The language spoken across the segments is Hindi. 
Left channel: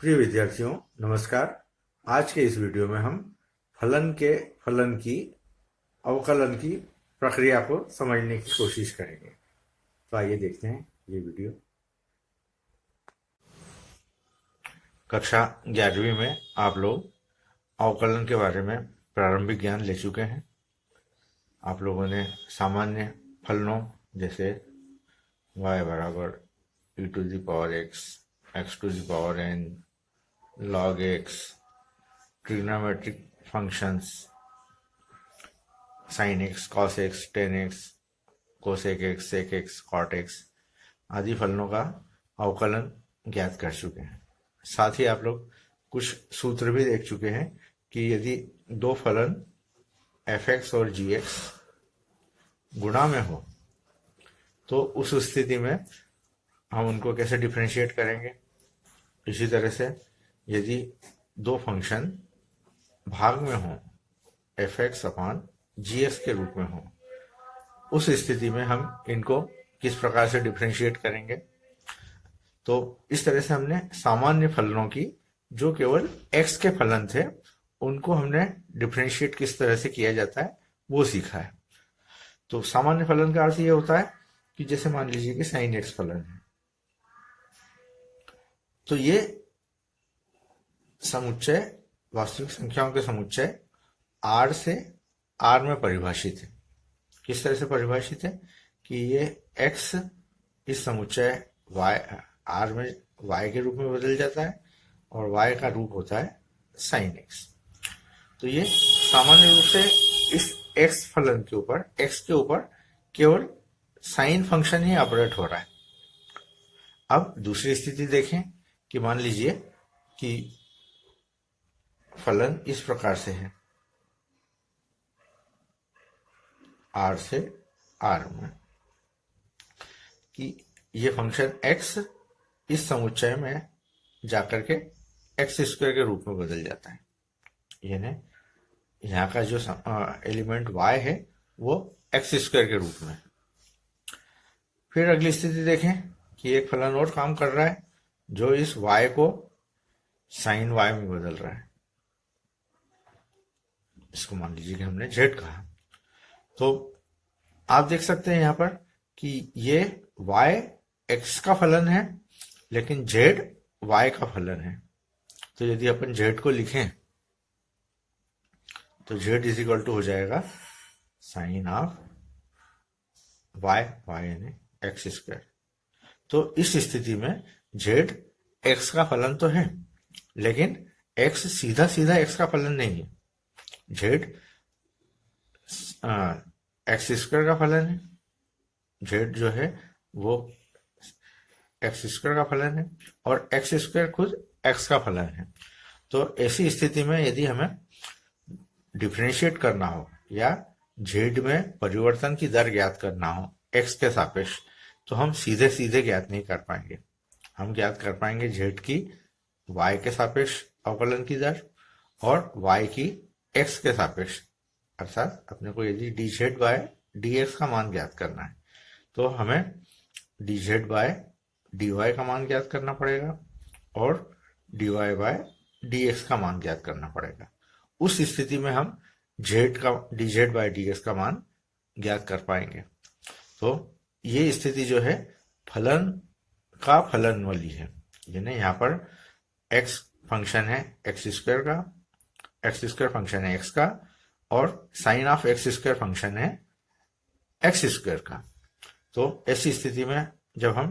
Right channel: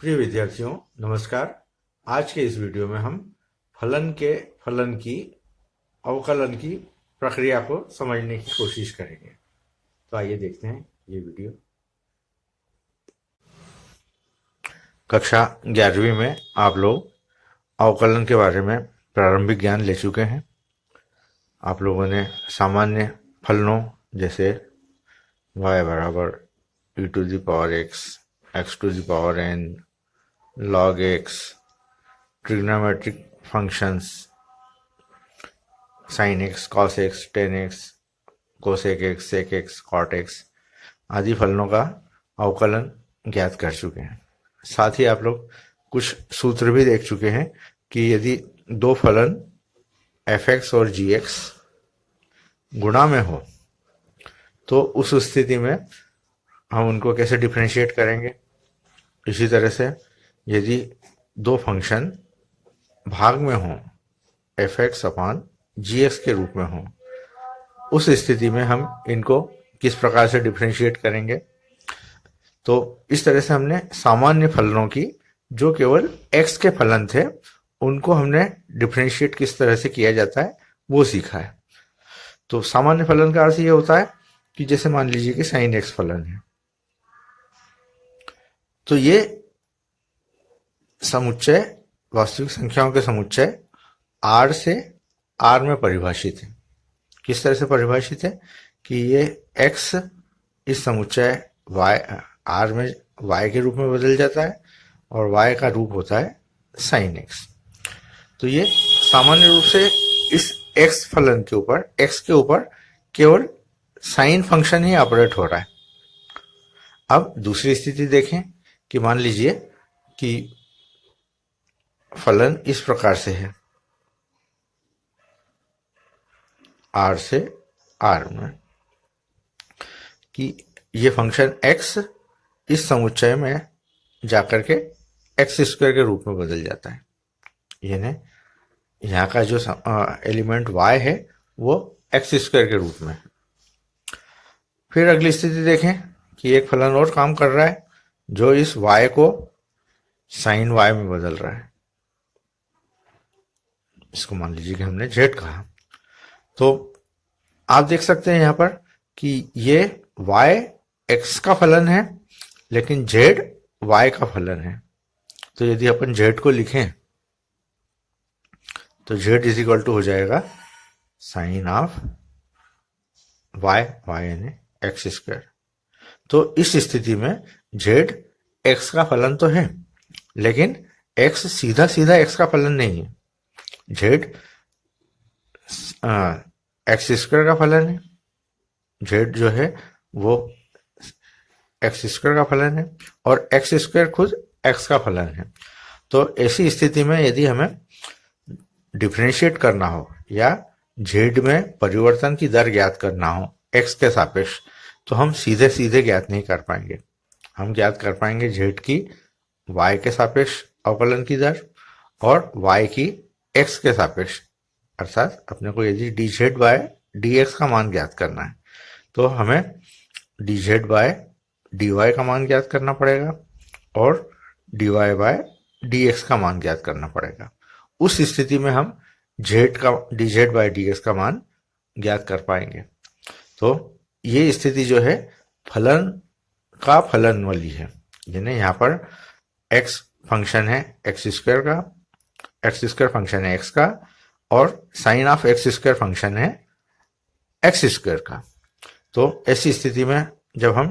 प्रिय विद्यार्थियों, नमस्कार। आज के इस वीडियो में हम फलन की अवकलन की प्रक्रिया को समझने की कोशिश करेंगे। तो आइए देखते हैं ये वीडियो। कक्षा 11वीं में आप लोग अवकलन के बारे में प्रारंभिक ज्ञान ले चुके हैं। आप लोगों ने सामान्य फलनों जैसे y बराबर e to the power x, x to the power n, log x, trigonometric functions sin x, cos x, tan x, cosec x, sec x, cot x आदि फलनों का अवकलन ज्ञात कर चुके हैं। साथ ही आप लोग कुछ सूत्र भी देख चुके हैं कि यदि दो फलन fx और gx गुणा में हो तो उस स्थिति में हम उनको कैसे डिफरेंशिएट करेंगे। इसी तरह से यदि दो फंक्शन भाग में हो fx अपान gx के रूप में हो, उस स्थिति में हम इनको किस प्रकार से डिफरेंशिएट करेंगे। तो इस तरह से हमने सामान्य फलनों की जो केवल x के फलन थे उनको हमने डिफरेंशिएट किस तरह से किया जाता है वो सीखा है। तो सामान्य फलन का अर्थ ये होता है कि जैसे मान लीजिए कि sin x फलन है, तो ये समुच्चय वास्तविक संख्याओं के समुच्चय r से r में परिभाषित है। किस तरह से परिभाषित है कि ये x इस समुच्चय y r में y के रूप में बदल जाता है और y का रूप होता है sin x। तो ये सामान्य रूप से इस x फलन के ऊपर, x के ऊपर केवल साइन फंक्शन ही ऑपरेट हो रहा है। अब दूसरी स्थिति देखें कि मान लीजिए कि फलन इस प्रकार से है, r से r में, कि ये फंक्शन x इस समुच्चय में जाकर के x स्क्वायर के रूप में बदल जाता है। यानी यहाँ का जो एलिमेंट y है वो x स्क्वायर के रूप में। फिर अगली स्थिति देखें कि एक फलन और काम कर रहा है जो इस y को sin y में बदल रहा है। इसको मान लीजिए कि हमने z कहा। तो आप देख सकते हैं यहाँ पर कि ये y x का फलन है लेकिन z y का फलन है। तो यदि अपन z को लिखें तो z इज इक्वल टू हो जाएगा साइन ऑफ y, y यानी एक्स स्क्वायर। तो इस स्थिति में z x का फलन तो है लेकिन x सीधा सीधा x का फलन नहीं है। z एक्स स्क्वायर का फलन है, z जो है वो एक्स स्क्वायर का फलन है और एक्स स्क्वायर खुद x का फलन है। तो ऐसी स्थिति में यदि हमें डिफरेंशिएट करना हो या z में परिवर्तन की दर ज्ञात करना हो x के सापेक्ष, तो हम सीधे सीधे ज्ञात नहीं कर पाएंगे। हम ज्ञात कर पाएंगे z की y के सापेक्ष अवकलन की दर और y की x के सापेक्ष, अर्थात अपने को यदि dz बाय dx का मान ज्ञात करना है तो हमें dz बाय dy का मान ज्ञात करना पड़ेगा और dy बाय dx का मान ज्ञात करना पड़ेगा। उस स्थिति में हम z का dz बाय dx का मान ज्ञात कर पाएंगे। तो ये स्थिति जो है फलन का फलन वाली है। यानी यहाँ पर x फंक्शन है एक्स स्क्वायर का, एक्स स्क्वायर फंक्शन है x का और sine of x square function है एक्स स्क्वायर का। तो ऐसी स्थिति में जब हम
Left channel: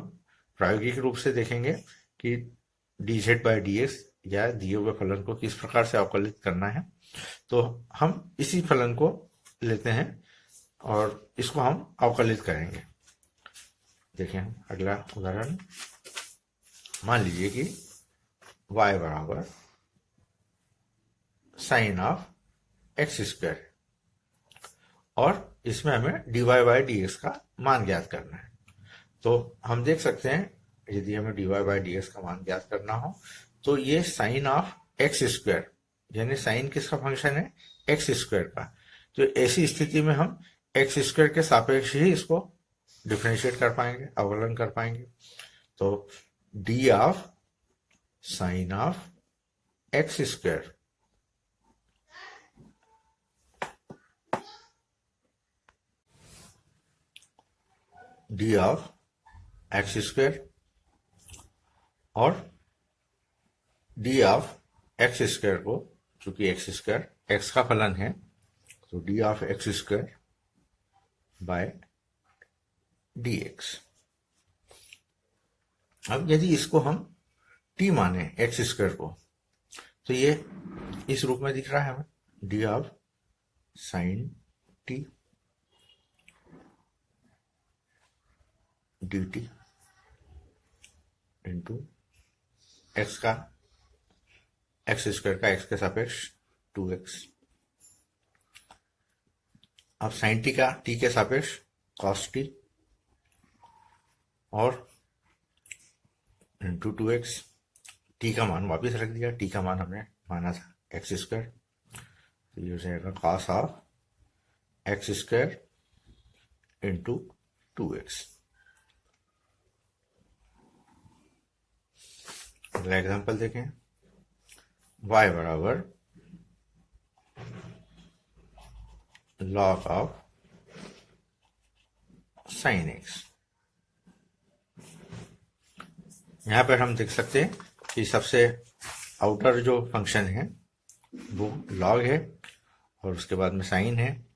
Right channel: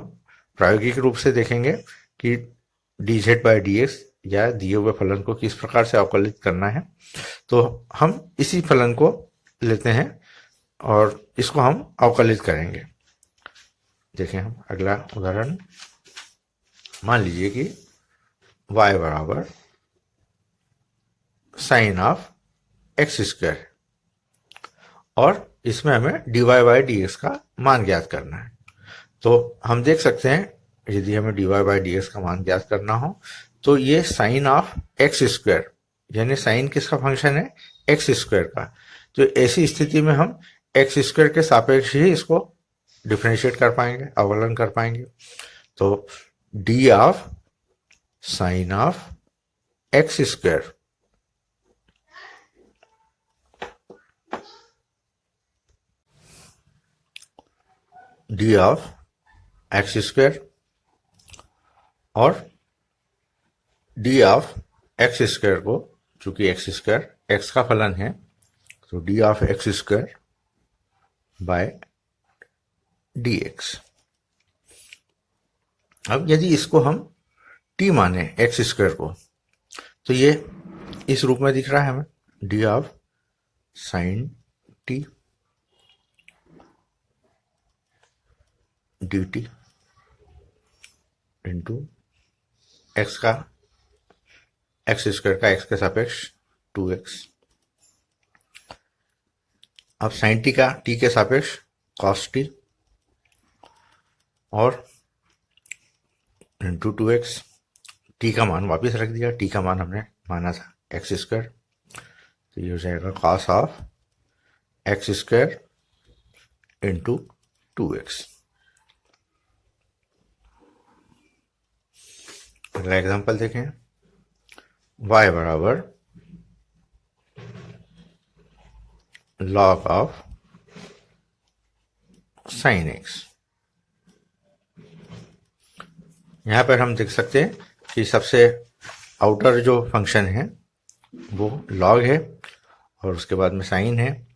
प्रायोगिक रूप से देखेंगे कि dz बाय dx या दिए हुए फलन को किस प्रकार से अवकलित करना है, तो हम इसी फलन को लेते हैं और इसको हम अवकलित करेंगे। देखें हम अगला उदाहरण, मान लीजिए कि y बराबर साइन ऑफ एक्स स्क्वायर और इसमें हमें dy बाय dx का मान ज्ञात करना है। तो हम देख सकते हैं यदि हमें dy बाय dx का मान ज्ञात करना हो तो ये साइन ऑफ एक्स स्क्वायर, यानी साइन किसका फंक्शन है एक्स स्क्वायर का। तो ऐसी स्थिति में हम एक्स स्क्वायर के सापेक्ष ही इसको डिफरेंशिएट कर पाएंगे, अवकलन कर पाएंगे। तो d of sine of x square D of x square और डी ऑफ एक्स स्क्वायर को, चूंकि एक्स स्क्वायर एक्स का फलन है, तो d of x square by d x. अब यदि इसको हम टी माने एक्स स्क्वायर को, तो ये इस रूप में दिख रहा है हमें, D of sign T d T into x का, एक्स स्क्वायर का एक्स के सापेक्ष 2x। अब साइन टी का टी के सापेक्ष कॉस टी और इंटू 2x। टी का मान वापस रख दिया, टी का मान हमने माना था एक्स स्क्वायर, तो ये हो जाएगा cos of x square into 2x। अगला एग्जांपल देखें, y बराबर log ऑफ साइन एक्स। यहां पर हम देख सकते हैं कि सबसे आउटर जो फंक्शन है वो log है और उसके बाद में साइन है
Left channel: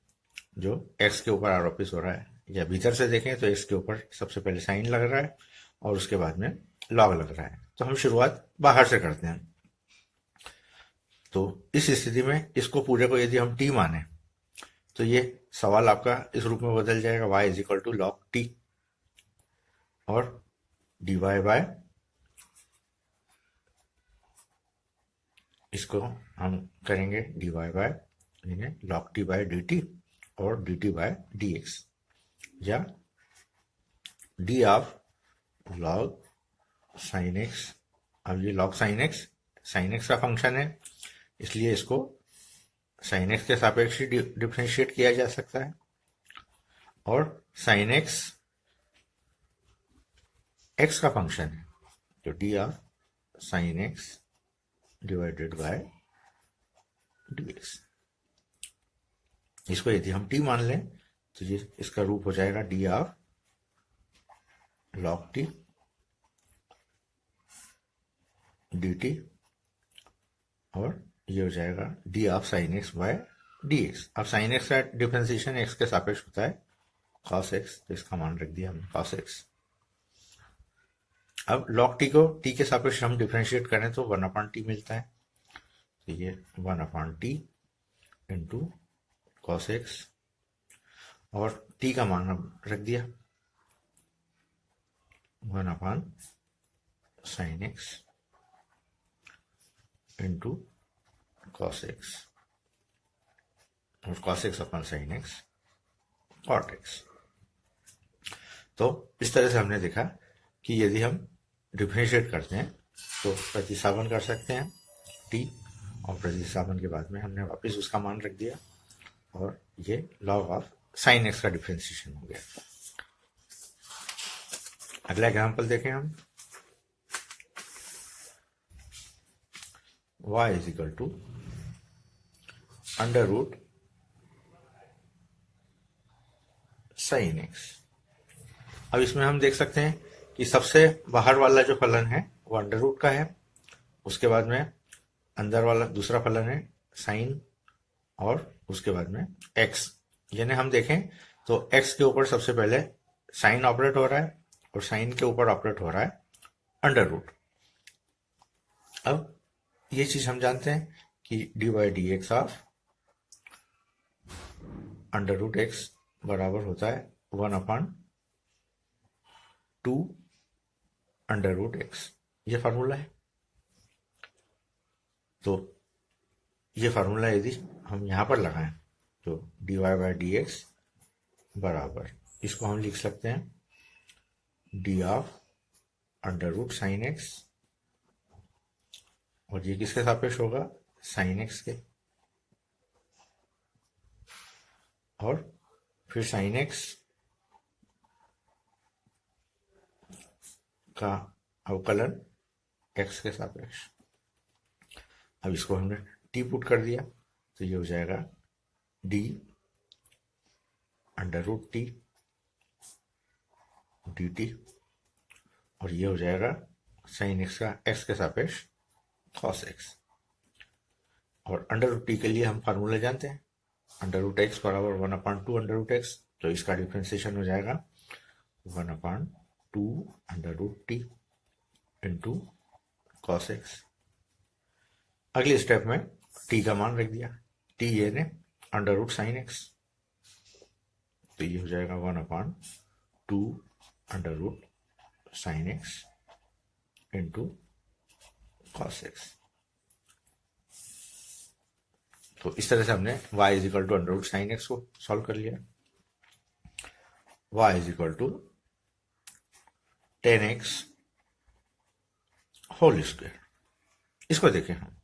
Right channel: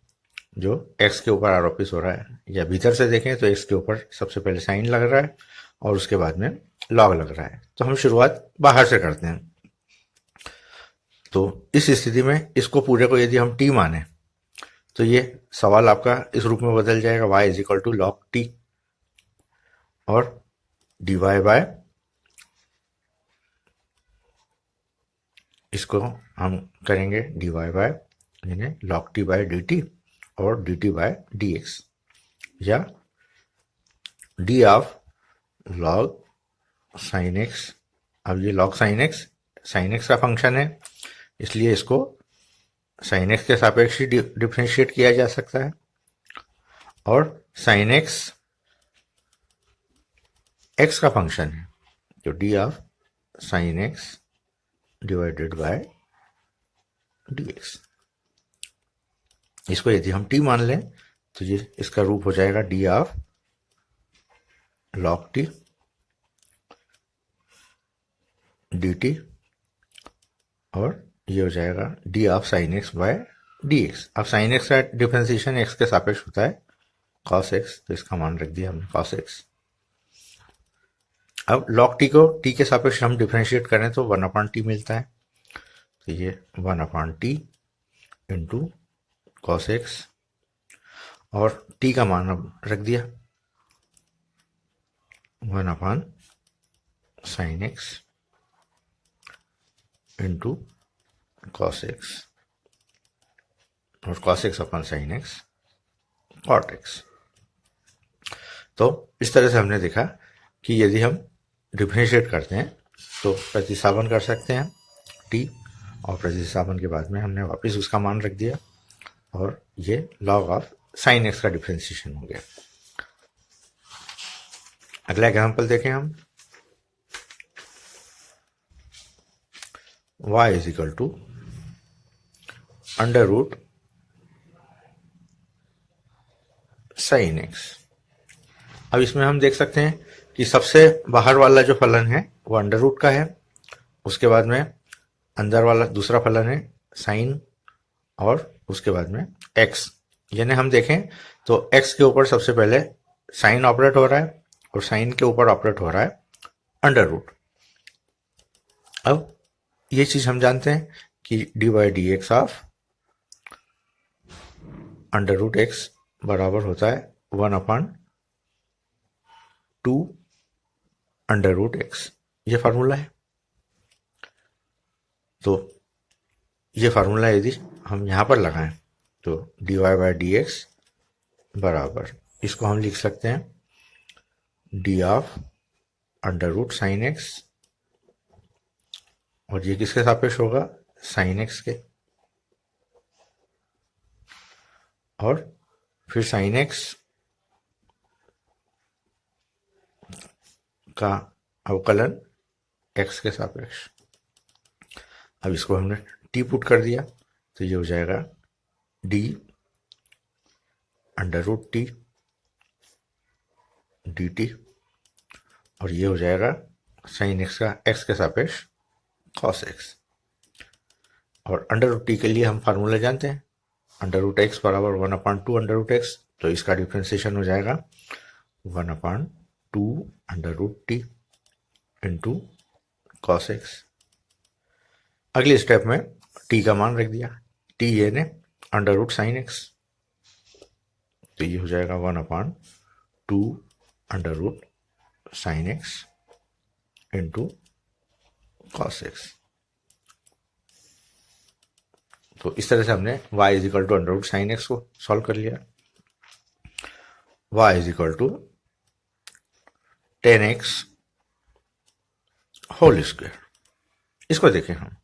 जो x के ऊपर आरोपित हो रहा है, या भीतर से देखें तो x के ऊपर सबसे पहले साइन लग रहा है और उसके बाद में log लग रहा है। तो हम शुरुआत बाहर से करते हैं। तो इस स्थिति में इसको पूरे को यदि हम t माने तो ये सवाल आपका इस रूप में बदल जाएगा, y is equal to log t और डी वाई बाय, इसको हम करेंगे डी वाई बाय यानी log t by d t और d t by d x, या d of log sine x. अब ये लॉग साइन एक्स का फंक्शन है, इसलिए इसको साइन एक्स के सापेक्ष ही डिफ्रेंशिएट किया जा सकता है, और साइन एक्स एक्स का फंक्शन है, तो d of sine x divided by d x. इसको यदि हम टी मान लें तो ये इसका रूप हो जाएगा d of log t d t और ये हो जाएगा d of sine x by d x. अब साइन एक्स का डिफरेंशिएशन एक्स के सापेक्ष होता है कॉस एक्स, तो इसका मान रख दिया हमने कॉस एक्स। अब लॉग टी को टी के सापेक्ष हम डिफरेंशिएट करें तो 1/t मिलता है, तो ये 1/t इंटू कॉस एक्स और टी का मान अब रख दिया 1/sin x into cos x और cos x upon sine x cot x. तो इस तरह से हमने देखा कि यदि हम डिफरेंशिएट करते हैं तो प्रतिस्थापन कर सकते हैं टी, और प्रतिस्थापन के बाद में हमने वापस उसका मान रख दिया और ये लॉग ऑफ साइन एक्स का डिफरेंशिएशन हो गया। अगला एग्जांपल देखें हम, y is equal to under root sine x. अब इसमें हम देख सकते हैं कि सबसे बाहर वाला जो फलन है वो अंडर रूट का है, उसके बाद में अंदर वाला दूसरा फलन है साइन और उसके बाद में एक्स। यानी हम देखें तो एक्स के ऊपर सबसे पहले साइन ऑपरेट हो रहा है और साइन के ऊपर ऑपरेट हो रहा है अंडर रूट। अब ये चीज हम जानते हैं कि d by d x of under root x बराबर होता है 1/2 अंडर रूट एक्स। ये फार्मूला है। तो ये फार्मूला यदि हम यहाँ पर लगाएं तो d y by d x बराबर, इसको हम लिख सकते हैं d of under root sine x, और ये किसके सापेक्ष होगा साइन एक्स के, और फिर साइन एक्स का अवकलन एक्स के सापेक्ष। अब इसको हमने टी पुट कर दिया तो ये हो जाएगा d under root t d t, और ये हो जाएगा साइन एक्स का एक्स के सापेक्ष कॉस एक्स। और अंडर रूट टी के लिए हम फार्मूला जानते हैं, अंडर रूट एक्स बराबर 1/2 अंडर रूट एक्स, तो इसका डिफ्रेंसिएशन हो जाएगा 1/2 under root t into cos x. अगले स्टेप में टी का मान रख दिया, टी ये ने अंडर रूट साइन एक्स, तो ये हो जाएगा 1/2 under root sine x into cos x. तो इस तरह से हमने y is equal to under root sine x को सॉल्व कर लिया। y is equal to 10x whole square. इसको देखें हम,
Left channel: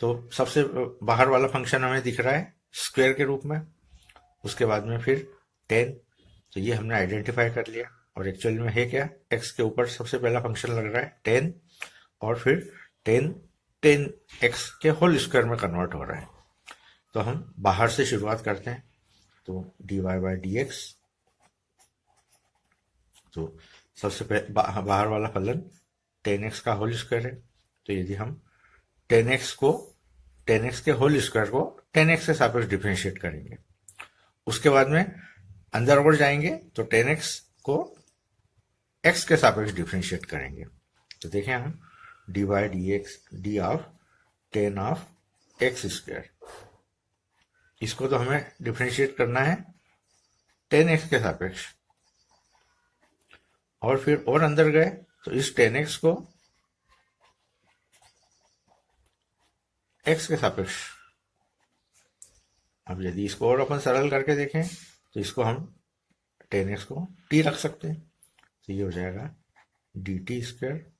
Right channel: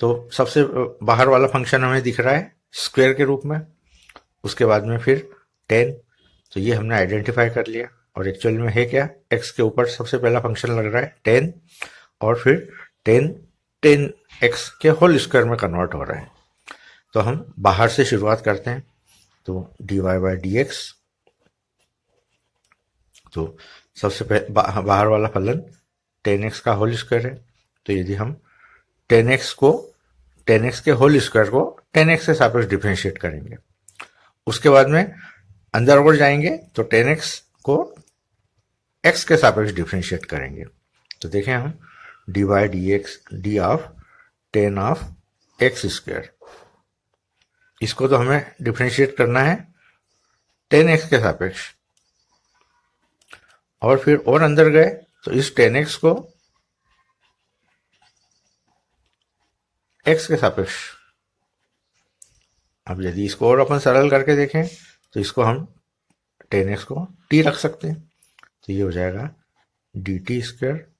तो सबसे बाहर वाला फंक्शन हमें दिख रहा है स्क्वायर के रूप में, उसके बाद में फिर 10, तो ये हमने आइडेंटिफाई कर लिया। और एक्चुअल में है क्या, x के ऊपर सबसे पहला फंक्शन लग रहा है 10, और फिर 10x के होल स्क्वायर में कन्वर्ट हो रहा है। तो हम बाहर से शुरुआत करते हैं, तो dy बाई डी एक्स, तो सबसे बाहर वाला फलन 10x का होल स्क्वायर है, तो यदि हम 10x के होल स्क्वायर को 10x के सापेक्ष डिफरेंशिएट करेंगे, उसके बाद में अंदर और जाएंगे तो 10x को x के सापेक्ष डिफरेंशिएट करेंगे। तो देखें हम D by d x d of 10 of x square, इसको तो हमें डिफरेंशिएट करना है 10x के सापेक्ष, और फिर और अंदर गए तो इस 10x को x के सापेक्ष। अब यदि इसको और अपन सरल करके देखें तो इसको हम 10x को t रख सकते हैं, तो ये हो जाएगा d t square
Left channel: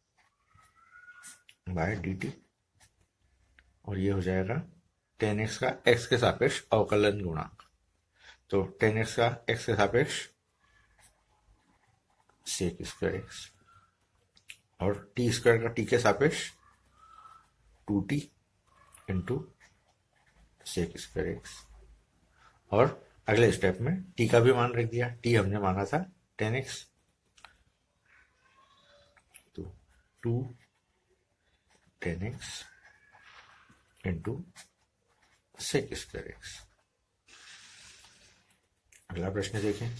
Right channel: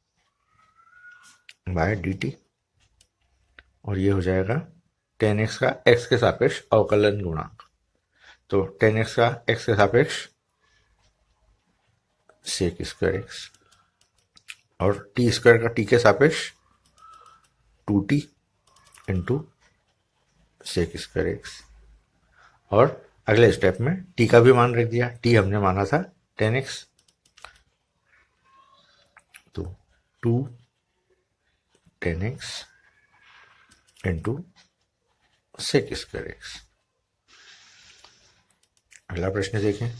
by d t, और ये हो जाएगा 10x का x के सापेक्ष अवकलन गुणांक, तो 10x का x के सापेक्ष सेक स्क्वायर एक्स, और टी स्क्वायर का टी के सापेक्ष 2t into sec square x. और अगले स्टेप में टी का भी मान रख दिया, टी हमने माना था 10x, तो 2 10x into sec square x. अगला प्रश्न देखें,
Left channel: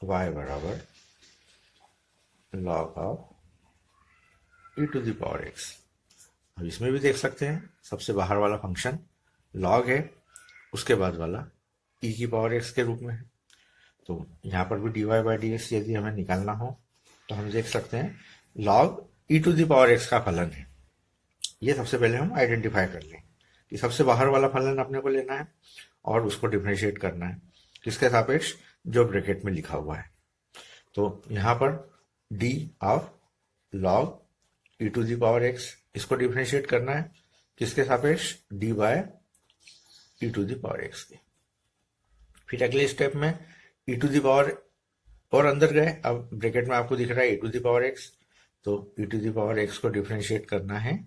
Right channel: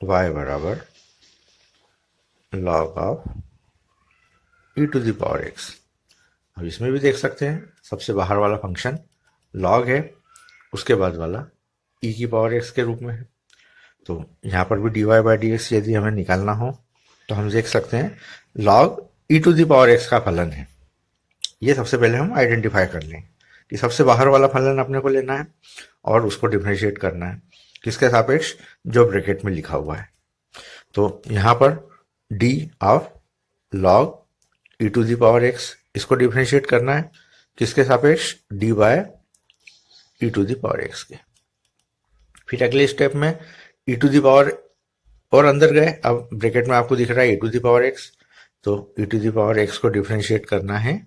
y बराबर log of e to the power x। अब इसमें भी देख सकते हैं सबसे बाहर वाला फंक्शन log है, उसके बाद वाला e की पावर x के रूप में है, तो यहाँ पर भी dy बाई डी एक्स यदि हमें निकालना हो तो हम देख सकते हैं log e to the power x का फलन है। ये सबसे पहले हम आइडेंटिफाई कर लें कि सबसे बाहर वाला फलन अपने को लेना है और उसको डिफरेंशिएट करना है किसके सापेक्ष, जो ब्रैकेट में लिखा हुआ है। तो यहाँ पर d of log e to the power x, इसको डिफरेंशिएट करना है किसके सापेक्ष, d by e to the power x के। फिर अगले स्टेप में e टू द पावर और अंदर गए, अब ब्रैकेट में आपको दिख रहा है e to the power x, तो e to the power x को डिफरेंशिएट करना है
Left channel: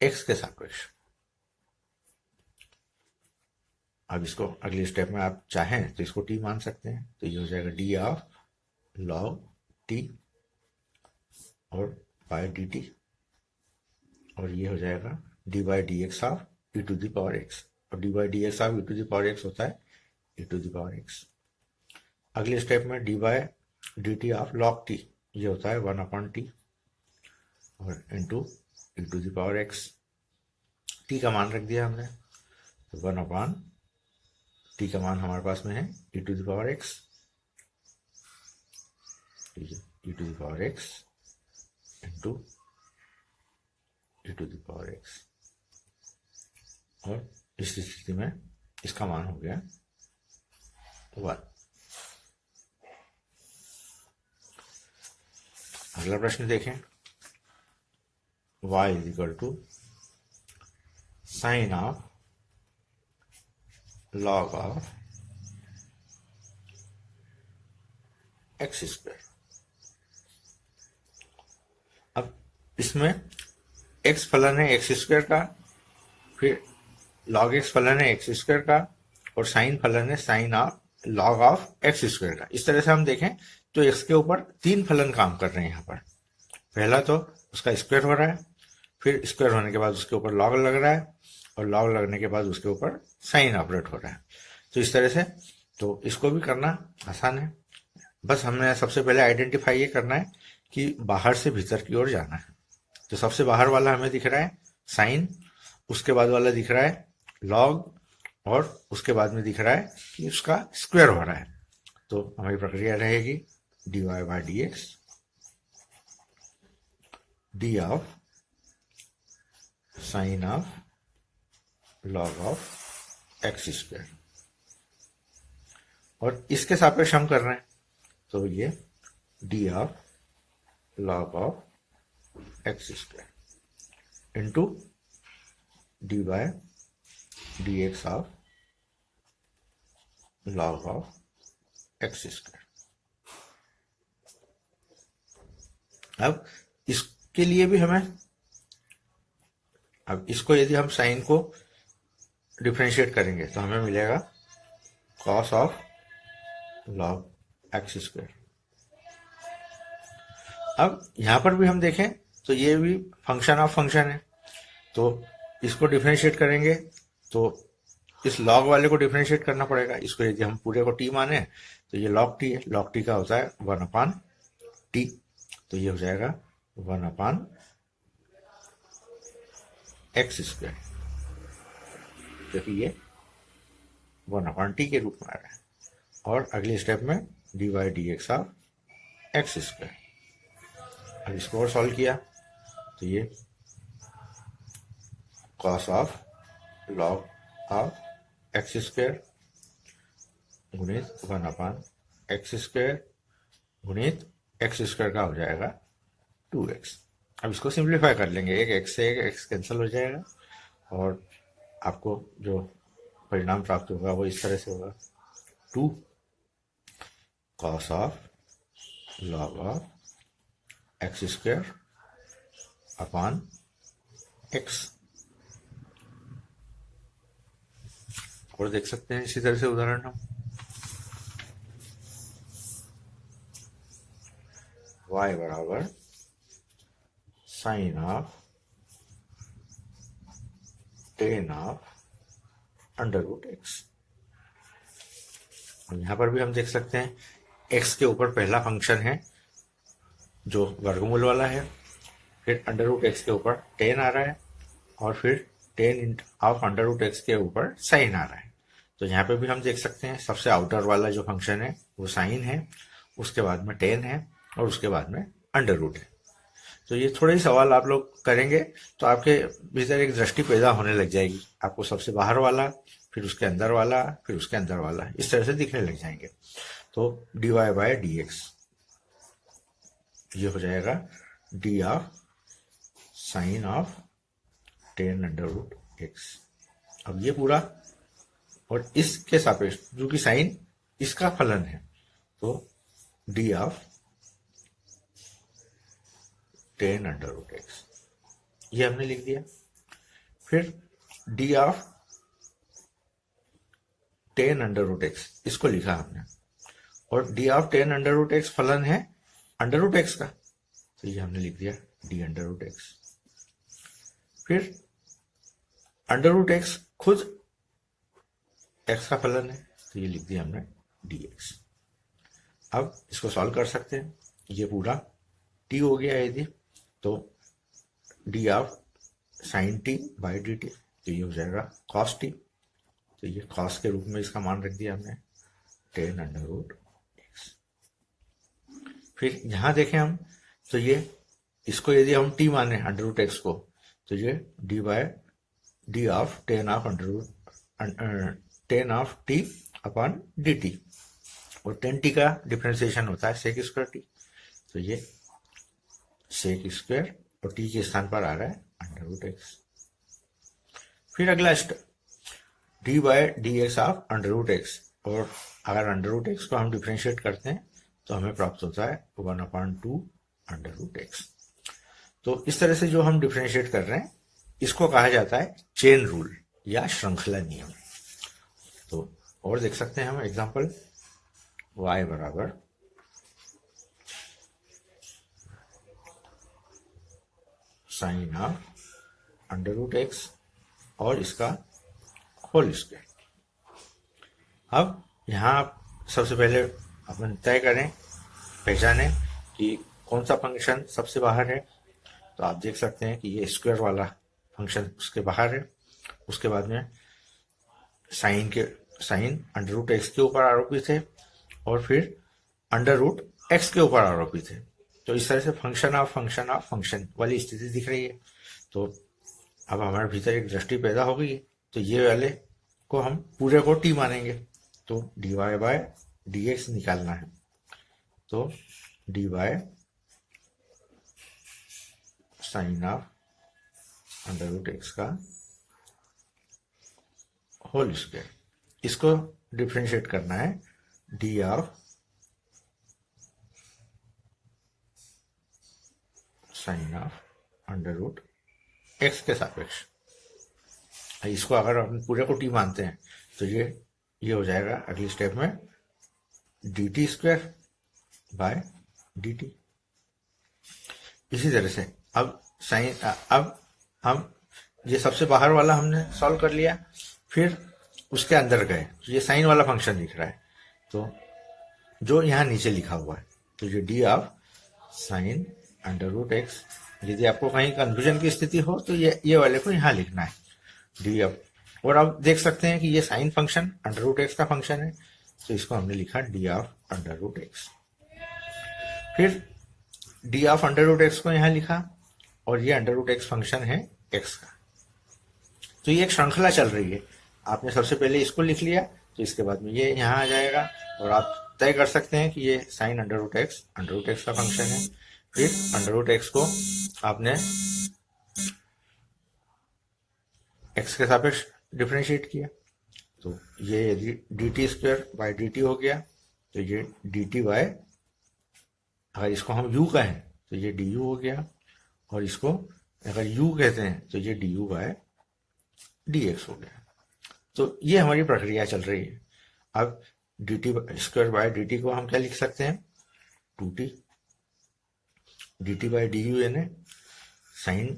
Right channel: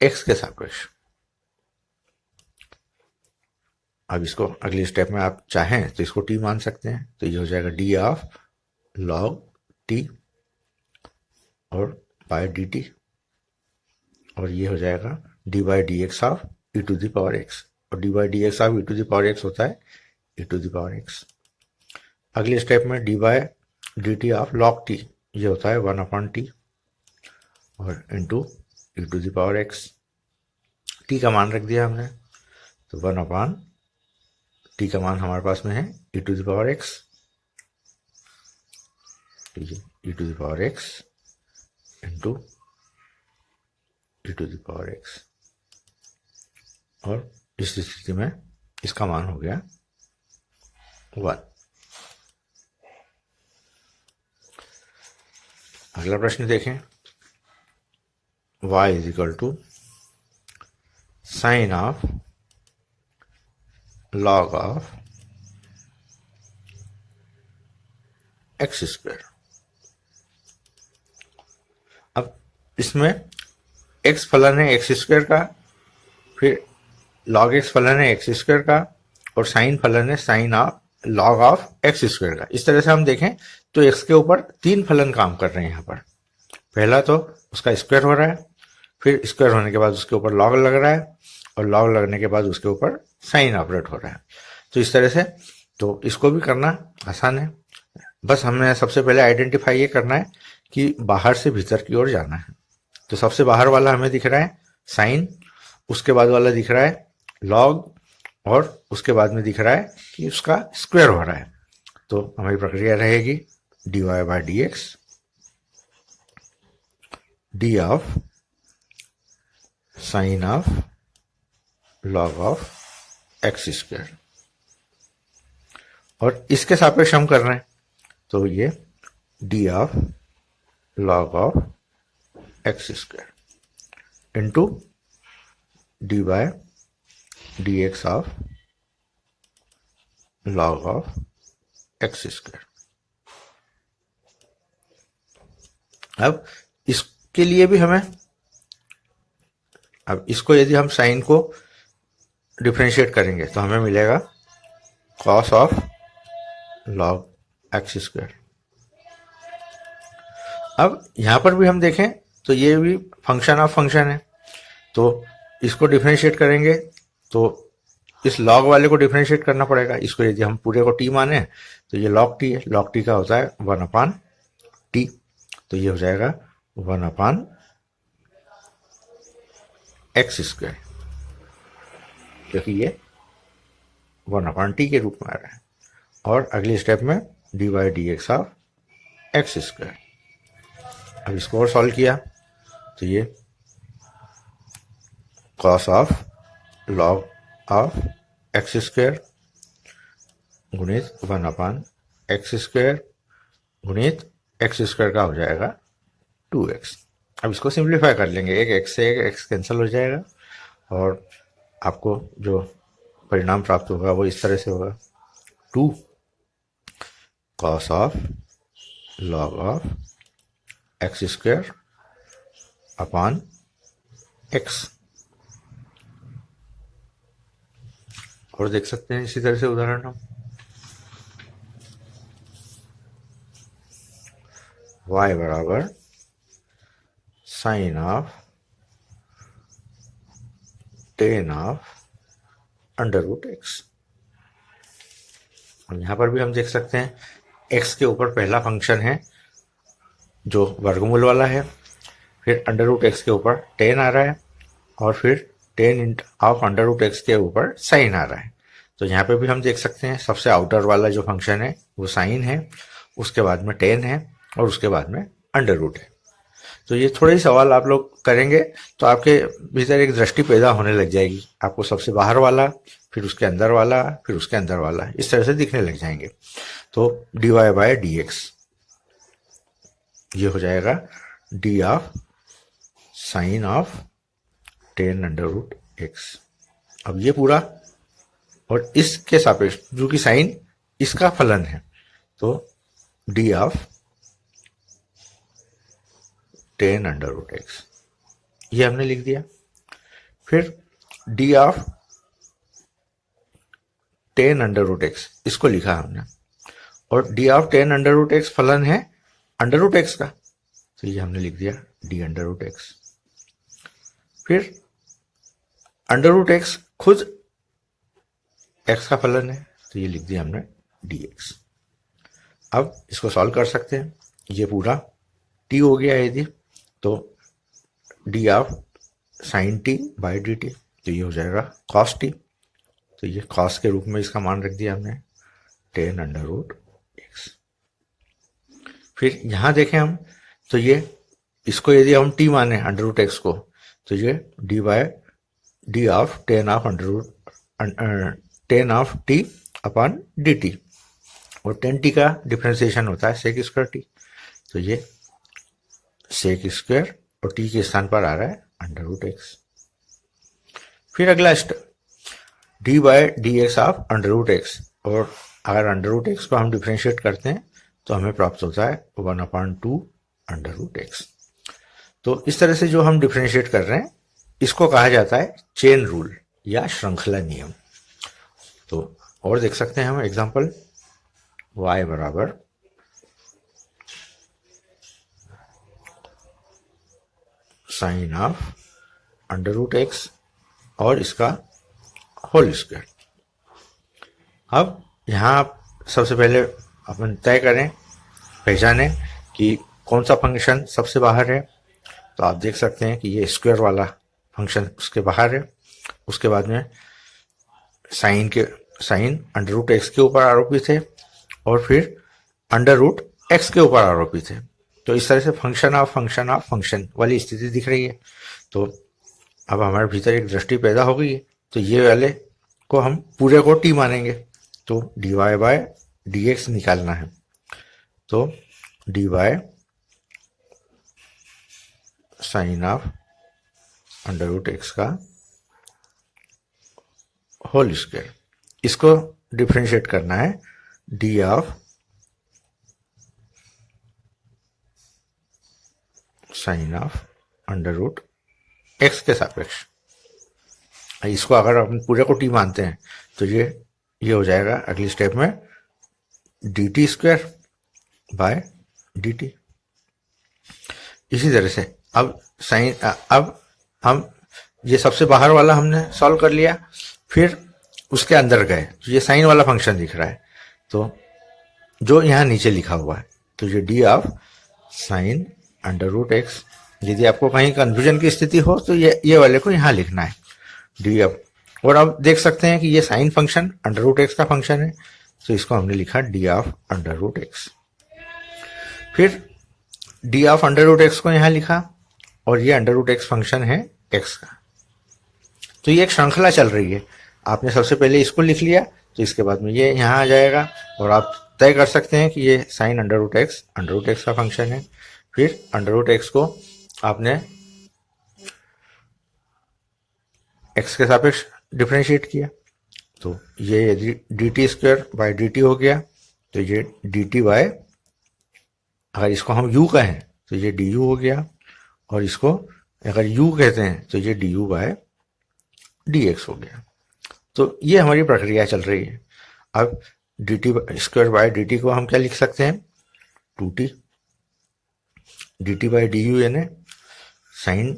x के सापेक्ष। अब इसको अगले स्टेप में आप चाहें तो इसको t मान सकते हैं, तो ये हो जाएगा d ऑफ log t और बाय डी टी, और ये हो जाएगा d by d x of e to the power x, और d by d x of e to the power x होता है e to the power x। अगले स्टेप में d by d t of log t, ये होता है 1/t और into e to the power x। t का मान रख दिया हमने, तो 1/t का मान हमारे पास में है e to the power x, ठीक है, e to the power x into e to the power x, और इस स्थिति में इसका मान हो गया 1। अगला प्रश्न देखें, y is equal to sine of log of x square. अब इसमें एक्स फलन है एक्स स्क्वायर का, फिर लॉग एक्स फलन है एक्स स्क्वायर का, और साइन फलन है sine of log of x square का। इस तरह से हम देखें तो एक्स के ऊपर तीन फलन काम कर रहे हैं यहाँ पर। पहला तो उसका स्क्वायर हो रहा है, फिर स्क्वायर होने के बाद उसके ऊपर लॉग लग रहा है, और लॉग लगने के बाद उसके ऊपर साइन ऑपरेट हो रहा है। तो इस तरह से तो इसको भी करना आसान है। बस हमें सबसे पहले आइडेंटिफाई ये करना है कि बाहर से भीतर की ओर जाना है। तो सबसे बाहर वाला हमें दिख रहा है साइन, उसके बाद वाला दिख रहा है लॉग, और उसके बाद में दिख रहा है कि उसका स्क्वायर हो रहा है। तो हमारी प्रक्रिया रहेगी dy by d x d of sine of log of x square, और इसके सापेक्ष हम कर रहे हैं तो ये d of log of x square into d by d x of log of x square. अब इसके लिए भी हमें, अब इसको यदि हम साइन को डिफरेंशिएट करेंगे तो हमें मिलेगा cos of log x square. अब यहां पर भी हम देखें तो ये भी फंक्शन ऑफ फंक्शन है, तो इसको डिफरेंशिएट करेंगे तो इस लॉग वाले को डिफरेंशिएट करना पड़ेगा। इसको यदि हम पूरे को टी माने तो ये लॉग टी है, लॉग टी का होता है 1/t, तो ये हो जाएगा 1/x स्क्वायर, क्योंकि ये 1/t के रूप में आ रहा है। और अगले स्टेप में D by d x of x square. अब इसको और सॉल्व किया तो ये cos of log of x square गुणित 1/x स्क्वायर गुणित एक्स स्क्वायर का हो जाएगा 2x। अब इसको सिंप्लीफाई कर लेंगे, एक x से एक x कैंसिल हो जाएगा, और आपको जो परिणाम प्राप्त होगा वो इस तरह से होगा 2 cos of log of x square upon x। और देख सकते हैं इसी तरह से उदाहरण हम y बराबर sine of tan of under root x. और यहां पर भी हम देख सकते हैं x के ऊपर पहला फंक्शन है जो वर्गमूल वाला है, फिर अंडर रूट एक्स के ऊपर टेन आ रहा है, और फिर tan of under root x के ऊपर साइन आ रहा है। तो यहाँ पे भी हम देख सकते हैं सबसे आउटर वाला जो फंक्शन है वो साइन है, उसके बाद में टेन है, और उसके बाद में अंडर रूट है। तो ये थोड़े ही सवाल आप लोग करेंगे तो आपके भीतर एक दृष्टि पैदा होने लग जाएगी। आपको सबसे बाहर वाला, फिर उसके अंदर वाला, फिर उसके अंदर वाला, इस तरह से दिखने लग जाएंगे। तो d y by d x ये हो जाएगा d of sine of tan under root x. अब ये पूरा, और इसके सापेक्ष जो कि साइन इसका फलन है, तो d of tan under root x ये हमने लिख दिया। फिर d of tan under root x इसको लिखा हमने, और d of tan under root x फलन है अंडर रूट एक्स का, तो ये हमने लिख दिया डी अंडर रूट एक्स। फिर अंडर रूट एक्स खुद एक्स का फलन है, तो ये लिख दिया हमने डी एक्स। अब इसको सॉल्व कर सकते हैं, ये पूरा टी हो गया यदि, तो d of sign T by D T, तो ये हो जाएगा कॉस टी, तो ये कॉस के रूप में इसका मान रख दिया हमने टेन अंडर रूट एक्स। फिर यहाँ देखें हम तो ये इसको यदि हम टी माने अंडर रूट एक्स को, तो ये d by d of tan of under root tan of t upon d t, और टेन टी का डिफ्रेंसिएशन होता है सेक स्क्वायर टी, तो ये सेक स्क्वायर और टी के स्थान पर आ रहा है अंडर रूट एक्स। फिर अगला step d by d x of under root x, और अगर अंडर रूट एक्स को हम डिफ्रेंशिएट करते हैं तो हमें प्राप्त होता है 1/2 अंडर रूट एक्स। तो इस तरह से जो हम डिफ्रेंशिएट कर रहे हैं इसको कहा जाता है चेन रूल या श्रृंखला नियम। तो और देख सकते हैं हम एग्जांपल, y बराबर sine of under root x और इसका होल स्क्वायर। अब यहाँ आप सबसे पहले अपन तय करें, पहचानें कि कौन सा फंक्शन सबसे बाहर है। तो आप देख सकते हैं कि ये स्क्वायर वाला फंक्शन उसके बाहर है। उसके बाद में साइन अंडर रूट एक्स के ऊपर आरोपित है और फिर अंडर रूट एक्स के ऊपर आरोपित है। तो इस तरह से फंक्शन ऑफ फंक्शन वाली स्थिति दिख रही है। तो अब हमारे भीतर एक दृष्टि पैदा हो गई है। तो ये वाले को हम पूरे को टी मानेंगे, तो d y by d x निकालना है। तो d y sine of under root x का होल स्क्वायर, इसको डिफ्रेंशिएट करना है d of sine of under root x के सापेक्ष। इसको अगर हम पूरे को टी मानते हैं तो ये हो जाएगा अगली स्टेप में D t square by d T. इसी तरह से अब हम ये सबसे बाहर वाला हमने सॉल्व कर लिया, फिर उसके अंदर गए तो ये साइन वाला फंक्शन दिख रहा है, तो जो यहाँ नीचे लिखा हुआ है, तो ये d of sine under root x. यदि आपको कहीं कन्फ्यूजन की स्थिति हो तो ये वाले को यहाँ लिखना है डी ऑफ। और अब देख सकते हैं कि ये sine function under root x का फंक्शन है, तो इसको हमने लिखा d of under root x. फिर d of under root x को यहाँ लिखा और ये अंडर रूट एक्स फंक्शन है एक्स का। तो ये एक श्रृंखला चल रही है। आपने सबसे पहले इसको लिख लिया तो इसके बाद में ये यहाँ आ जाएगा और आप तय कर सकते हैं कि ये साइन अंडर रूट एक्स का फंक्शन है। फिर अंडर रूट एक्स को आपने एक्स के सापेक्ष डिफ्रेंशिएट किया, तो ये D t square by D T हो गया। तो ये डी टी बाय, अगर इसको हम u कहें तो ये डी यू हो गया, और इसको अगर u कहते हैं तो ये d u by d x हो गया। तो ये हमारी प्रक्रिया चल रही है। अब d t square by d t को हम क्या लिख सकते हैं, 2t d t by d u, यानी sine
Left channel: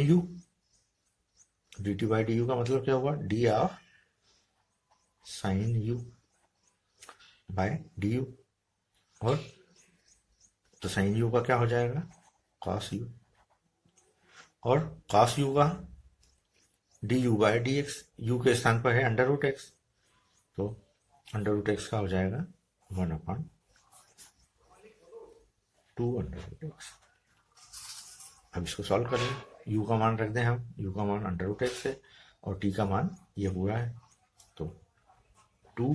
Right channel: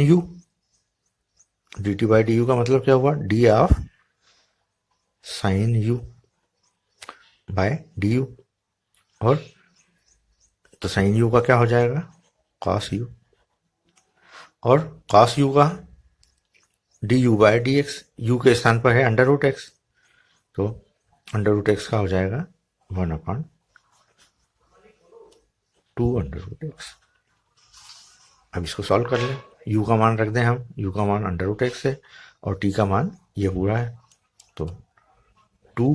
u. D t by d u का मतलब क्या हुआ, d of sine u by d u. और तो साइन यू का क्या हो जाएगा, कॉस यू, और कॉस यू का d u by d x. U के स्थान पर है अंडर रूट एक्स, तो अंडर रूट एक्स का हो जाएगा 1/2 अंडर रूट एक्स। अब इसको सॉल्व कर लें, u का मान रख दें हम, u का मान अंडर रूट एक्स है और t का मान ये पूरा है, तो 2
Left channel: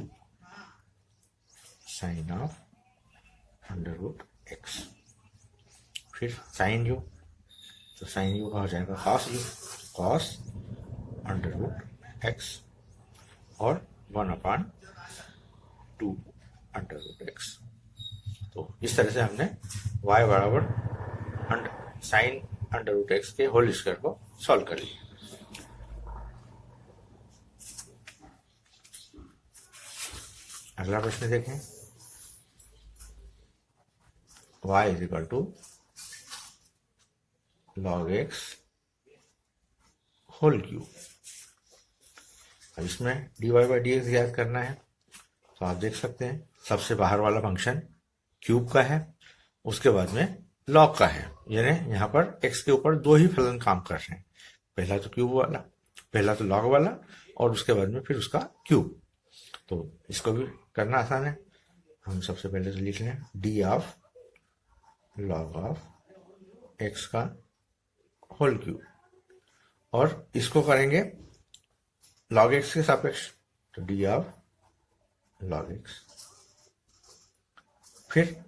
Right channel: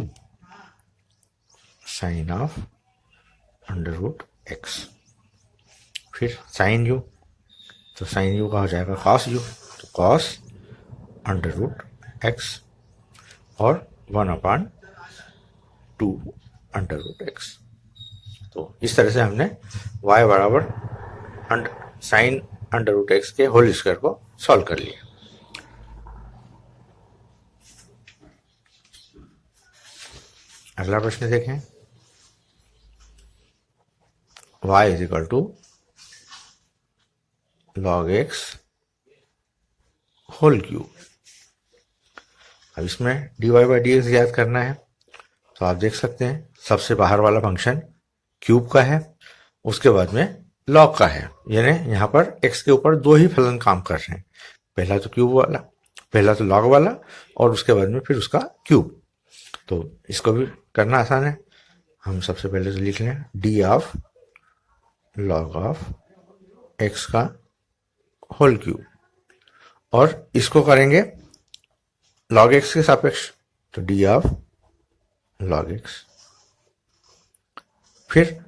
sine of under root x. फिर साइन u, तो साइन u का हो जाएगा कॉस u, तो कॉस अंडर रूट एक्स और 1/2 अंडर रूट एक्स। तो इस तरह से हमने y बराबर साइन अंडर रूट एक्स के होल स्क्वायर को सॉल्व कर लिया। अगला प्रश्न देखें, y is equal to log x whole cube. अब इसमें d y by d x याद करना है, तो आप देख सकते हैं सबसे बाहर वाला फंक्शन क्यूब का है, उसके बाद में लॉग का है, यानी यहाँ पर x के ऊपर दो ही फलन काम कर रहे हैं, पहला तो क्यूब वाला, पहला तो लॉग वाला और उसके बाद में फिर उसका क्यूब। तो इसको भी करना आसान है, हम सबसे पहले तो लिख लें D of log of x का होल क्यूब, और इसको करेंगे लॉग x के सापेक्ष, तो डी ऑफ लॉग x। फिर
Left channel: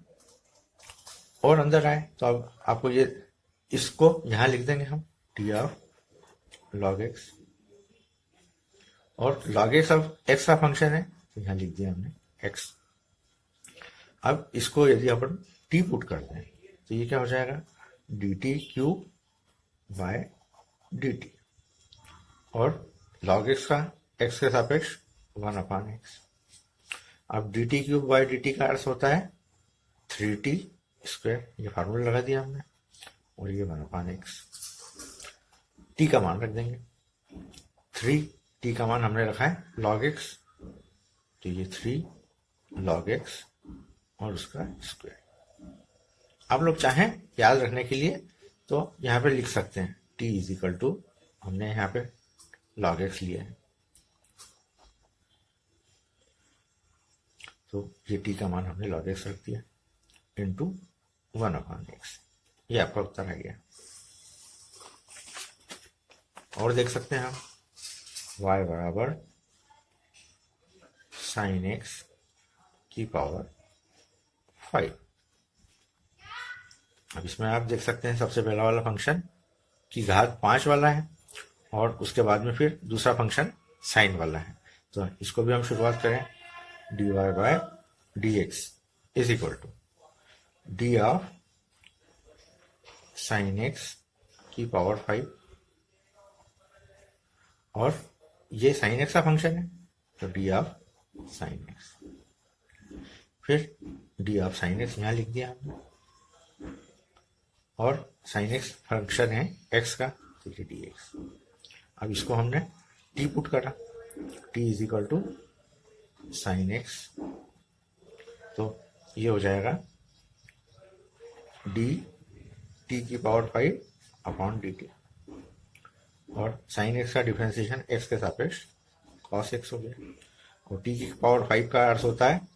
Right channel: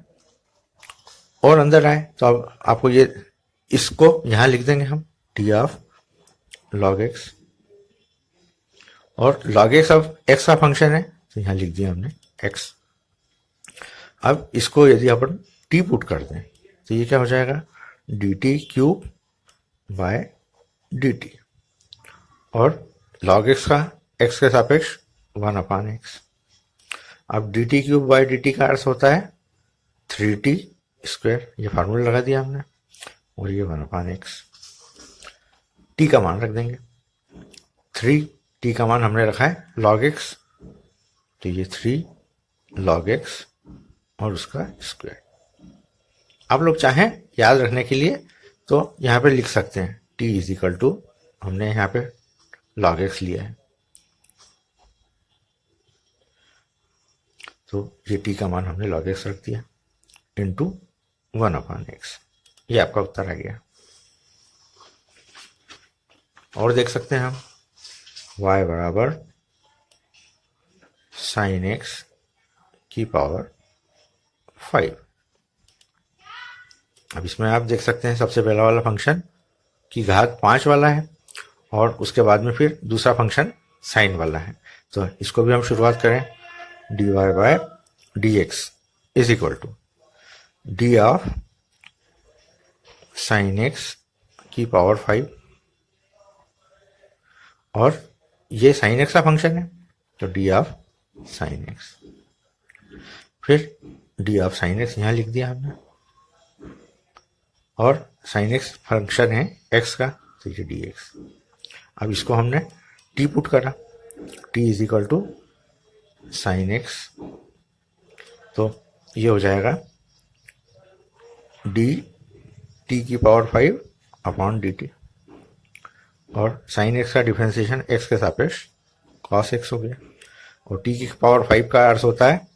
और अंदर आए तो अब आपको ये इसको यहाँ लिख देंगे हम टी ऑफ लॉग एक्स, और लॉग एक्स अब एक्स का फंक्शन है तो यहाँ लिख दिया हमने एक्स। अब इसको यदि अपन टी पुट कर दें तो ये क्या हो जाएगा, d T cube by d t, और लॉग एक्स का एक्स के सापेक्ष 1/x। अब d T cube by d T का अर्थ होता है 3t स्क्वायर, ये फार्मूला लगा दिया हमने, और ये 1/x। टी का मान रख देंगे 3, टी का मान हमने रखा है log x, तो ये 3 log x और उसका स्क्वायर। आप लोग चाहें याद रखने के लिए तो यहाँ पे लिख सकते हैं t इज इक्वल टू, हमने यहाँ पे log x लिया है तो ये t का मान हमने log x रख दिया इंटू 1/x। ये आपका उत्तर आ गया। और देख सकते हैं हम y बराबर साइन x की पावर 5। अब इसमें आप देख सकते हैं सबसे पहला वाला फंक्शन की घात 5 वाला है, और उसके बाद में फिर दूसरा फंक्शन साइन वाला है। तो इसको भी हम शुरुआत करें, d y by d x is equal to d of sine x की पावर 5, और ये साइन एक्स का फंक्शन है तो डी ऑफ साइन एक्स, फिर डी ऑफ साइन एक्स यहाँ लिख दिया हमने, और साइन एक्स फंक्शन है एक्स का तो ये डी एक्स। अब इसको हमने टी पुट करा, t is equal to sine x, तो ये हो जाएगा डी टी की पावर 5 अपॉन डी टी, और साइन एक्स का डिफरेंशिएशन एक्स के सापेक्ष कॉस एक्स हो गया, और टी की पावर 5 का अर्थ होता है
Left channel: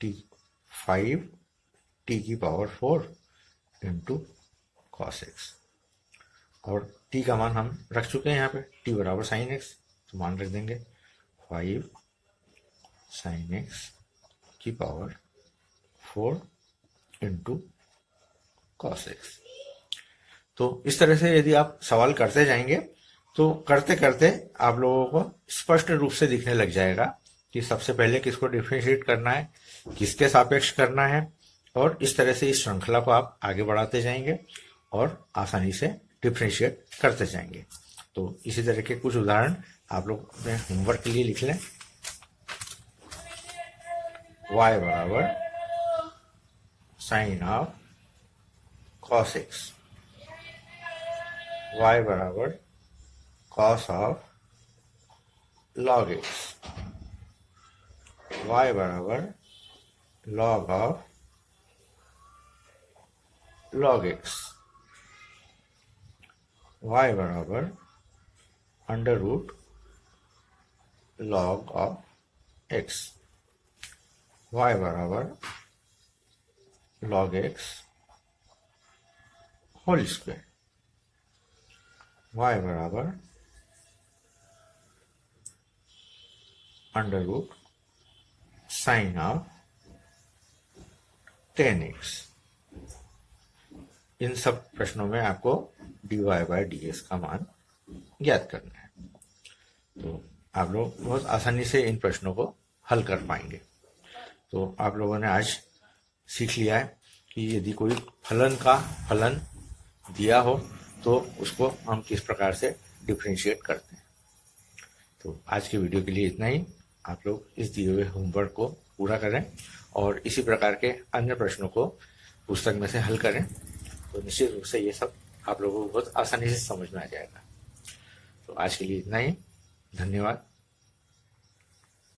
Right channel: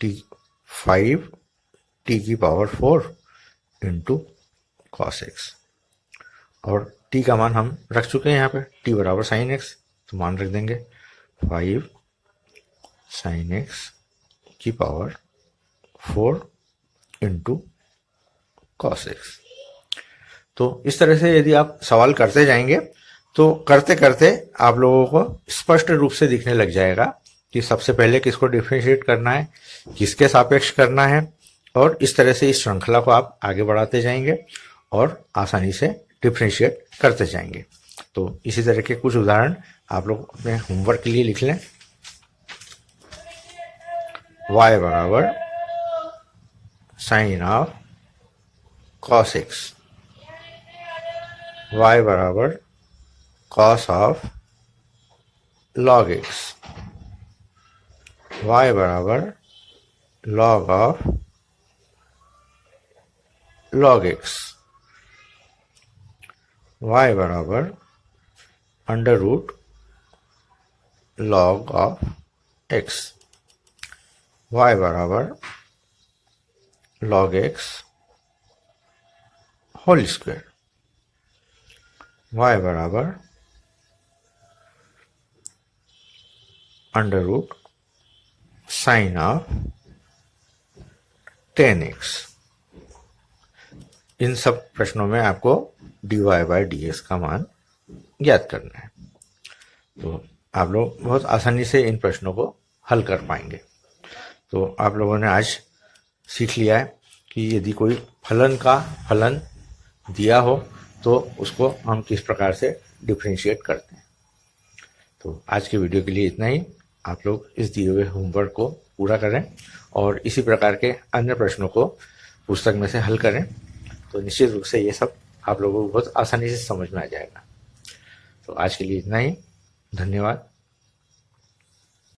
टी 5 टी की पावर 4 इंटू कॉस एक्स, और टी का मान हम रख चुके हैं यहाँ पे, टी बराबर साइन एक्स, तो मान रख देंगे 5 साइन एक्स की पावर 4 इंटू कॉस एक्स। तो इस तरह से यदि आप सवाल करते जाएंगे तो करते करते आप लोगों को स्पष्ट रूप से दिखने लग जाएगा कि सबसे पहले किसको डिफरेंशिएट करना है, किसके सापेक्ष करना है, और इस तरह से इस श्रृंखला को आप आगे बढ़ाते जाएंगे और आसानी से डिफरेंशिएट करते जाएंगे। तो इसी तरह के कुछ उदाहरण आप लोग अपने होमवर्क के लिए लिख लें। y बराबर sine of cos x, y बराबर cos of log x, y बराबर log of log x, y बराबर under root log of x, y बराबर log x whole square, y बराबर under root sine of 10x। इन सब प्रश्नों में आपको dy बाय dx का मान ज्ञात करना है, तो आप लोग बहुत आसानी से इन प्रश्नों को हल कर पाएंगे। तो आप लोगों ने आज सीख लिया है कि यदि कोई फलन का फलन दिया हो तो उसको हम किस प्रकार से डिफरेंशिएट करते हैं। तो आज के वीडियो के लिए इतना ही। आप लोग इस दिए हुए होमवर्क को पूरा करें और इसी प्रकार के अन्य प्रश्नों को पुस्तक में से हल करें, तो निश्चित रूप से ये सब आप लोगों को बहुत आसानी से समझ में आ जाएगा। तो आज के लिए इतना ही। धन्यवाद।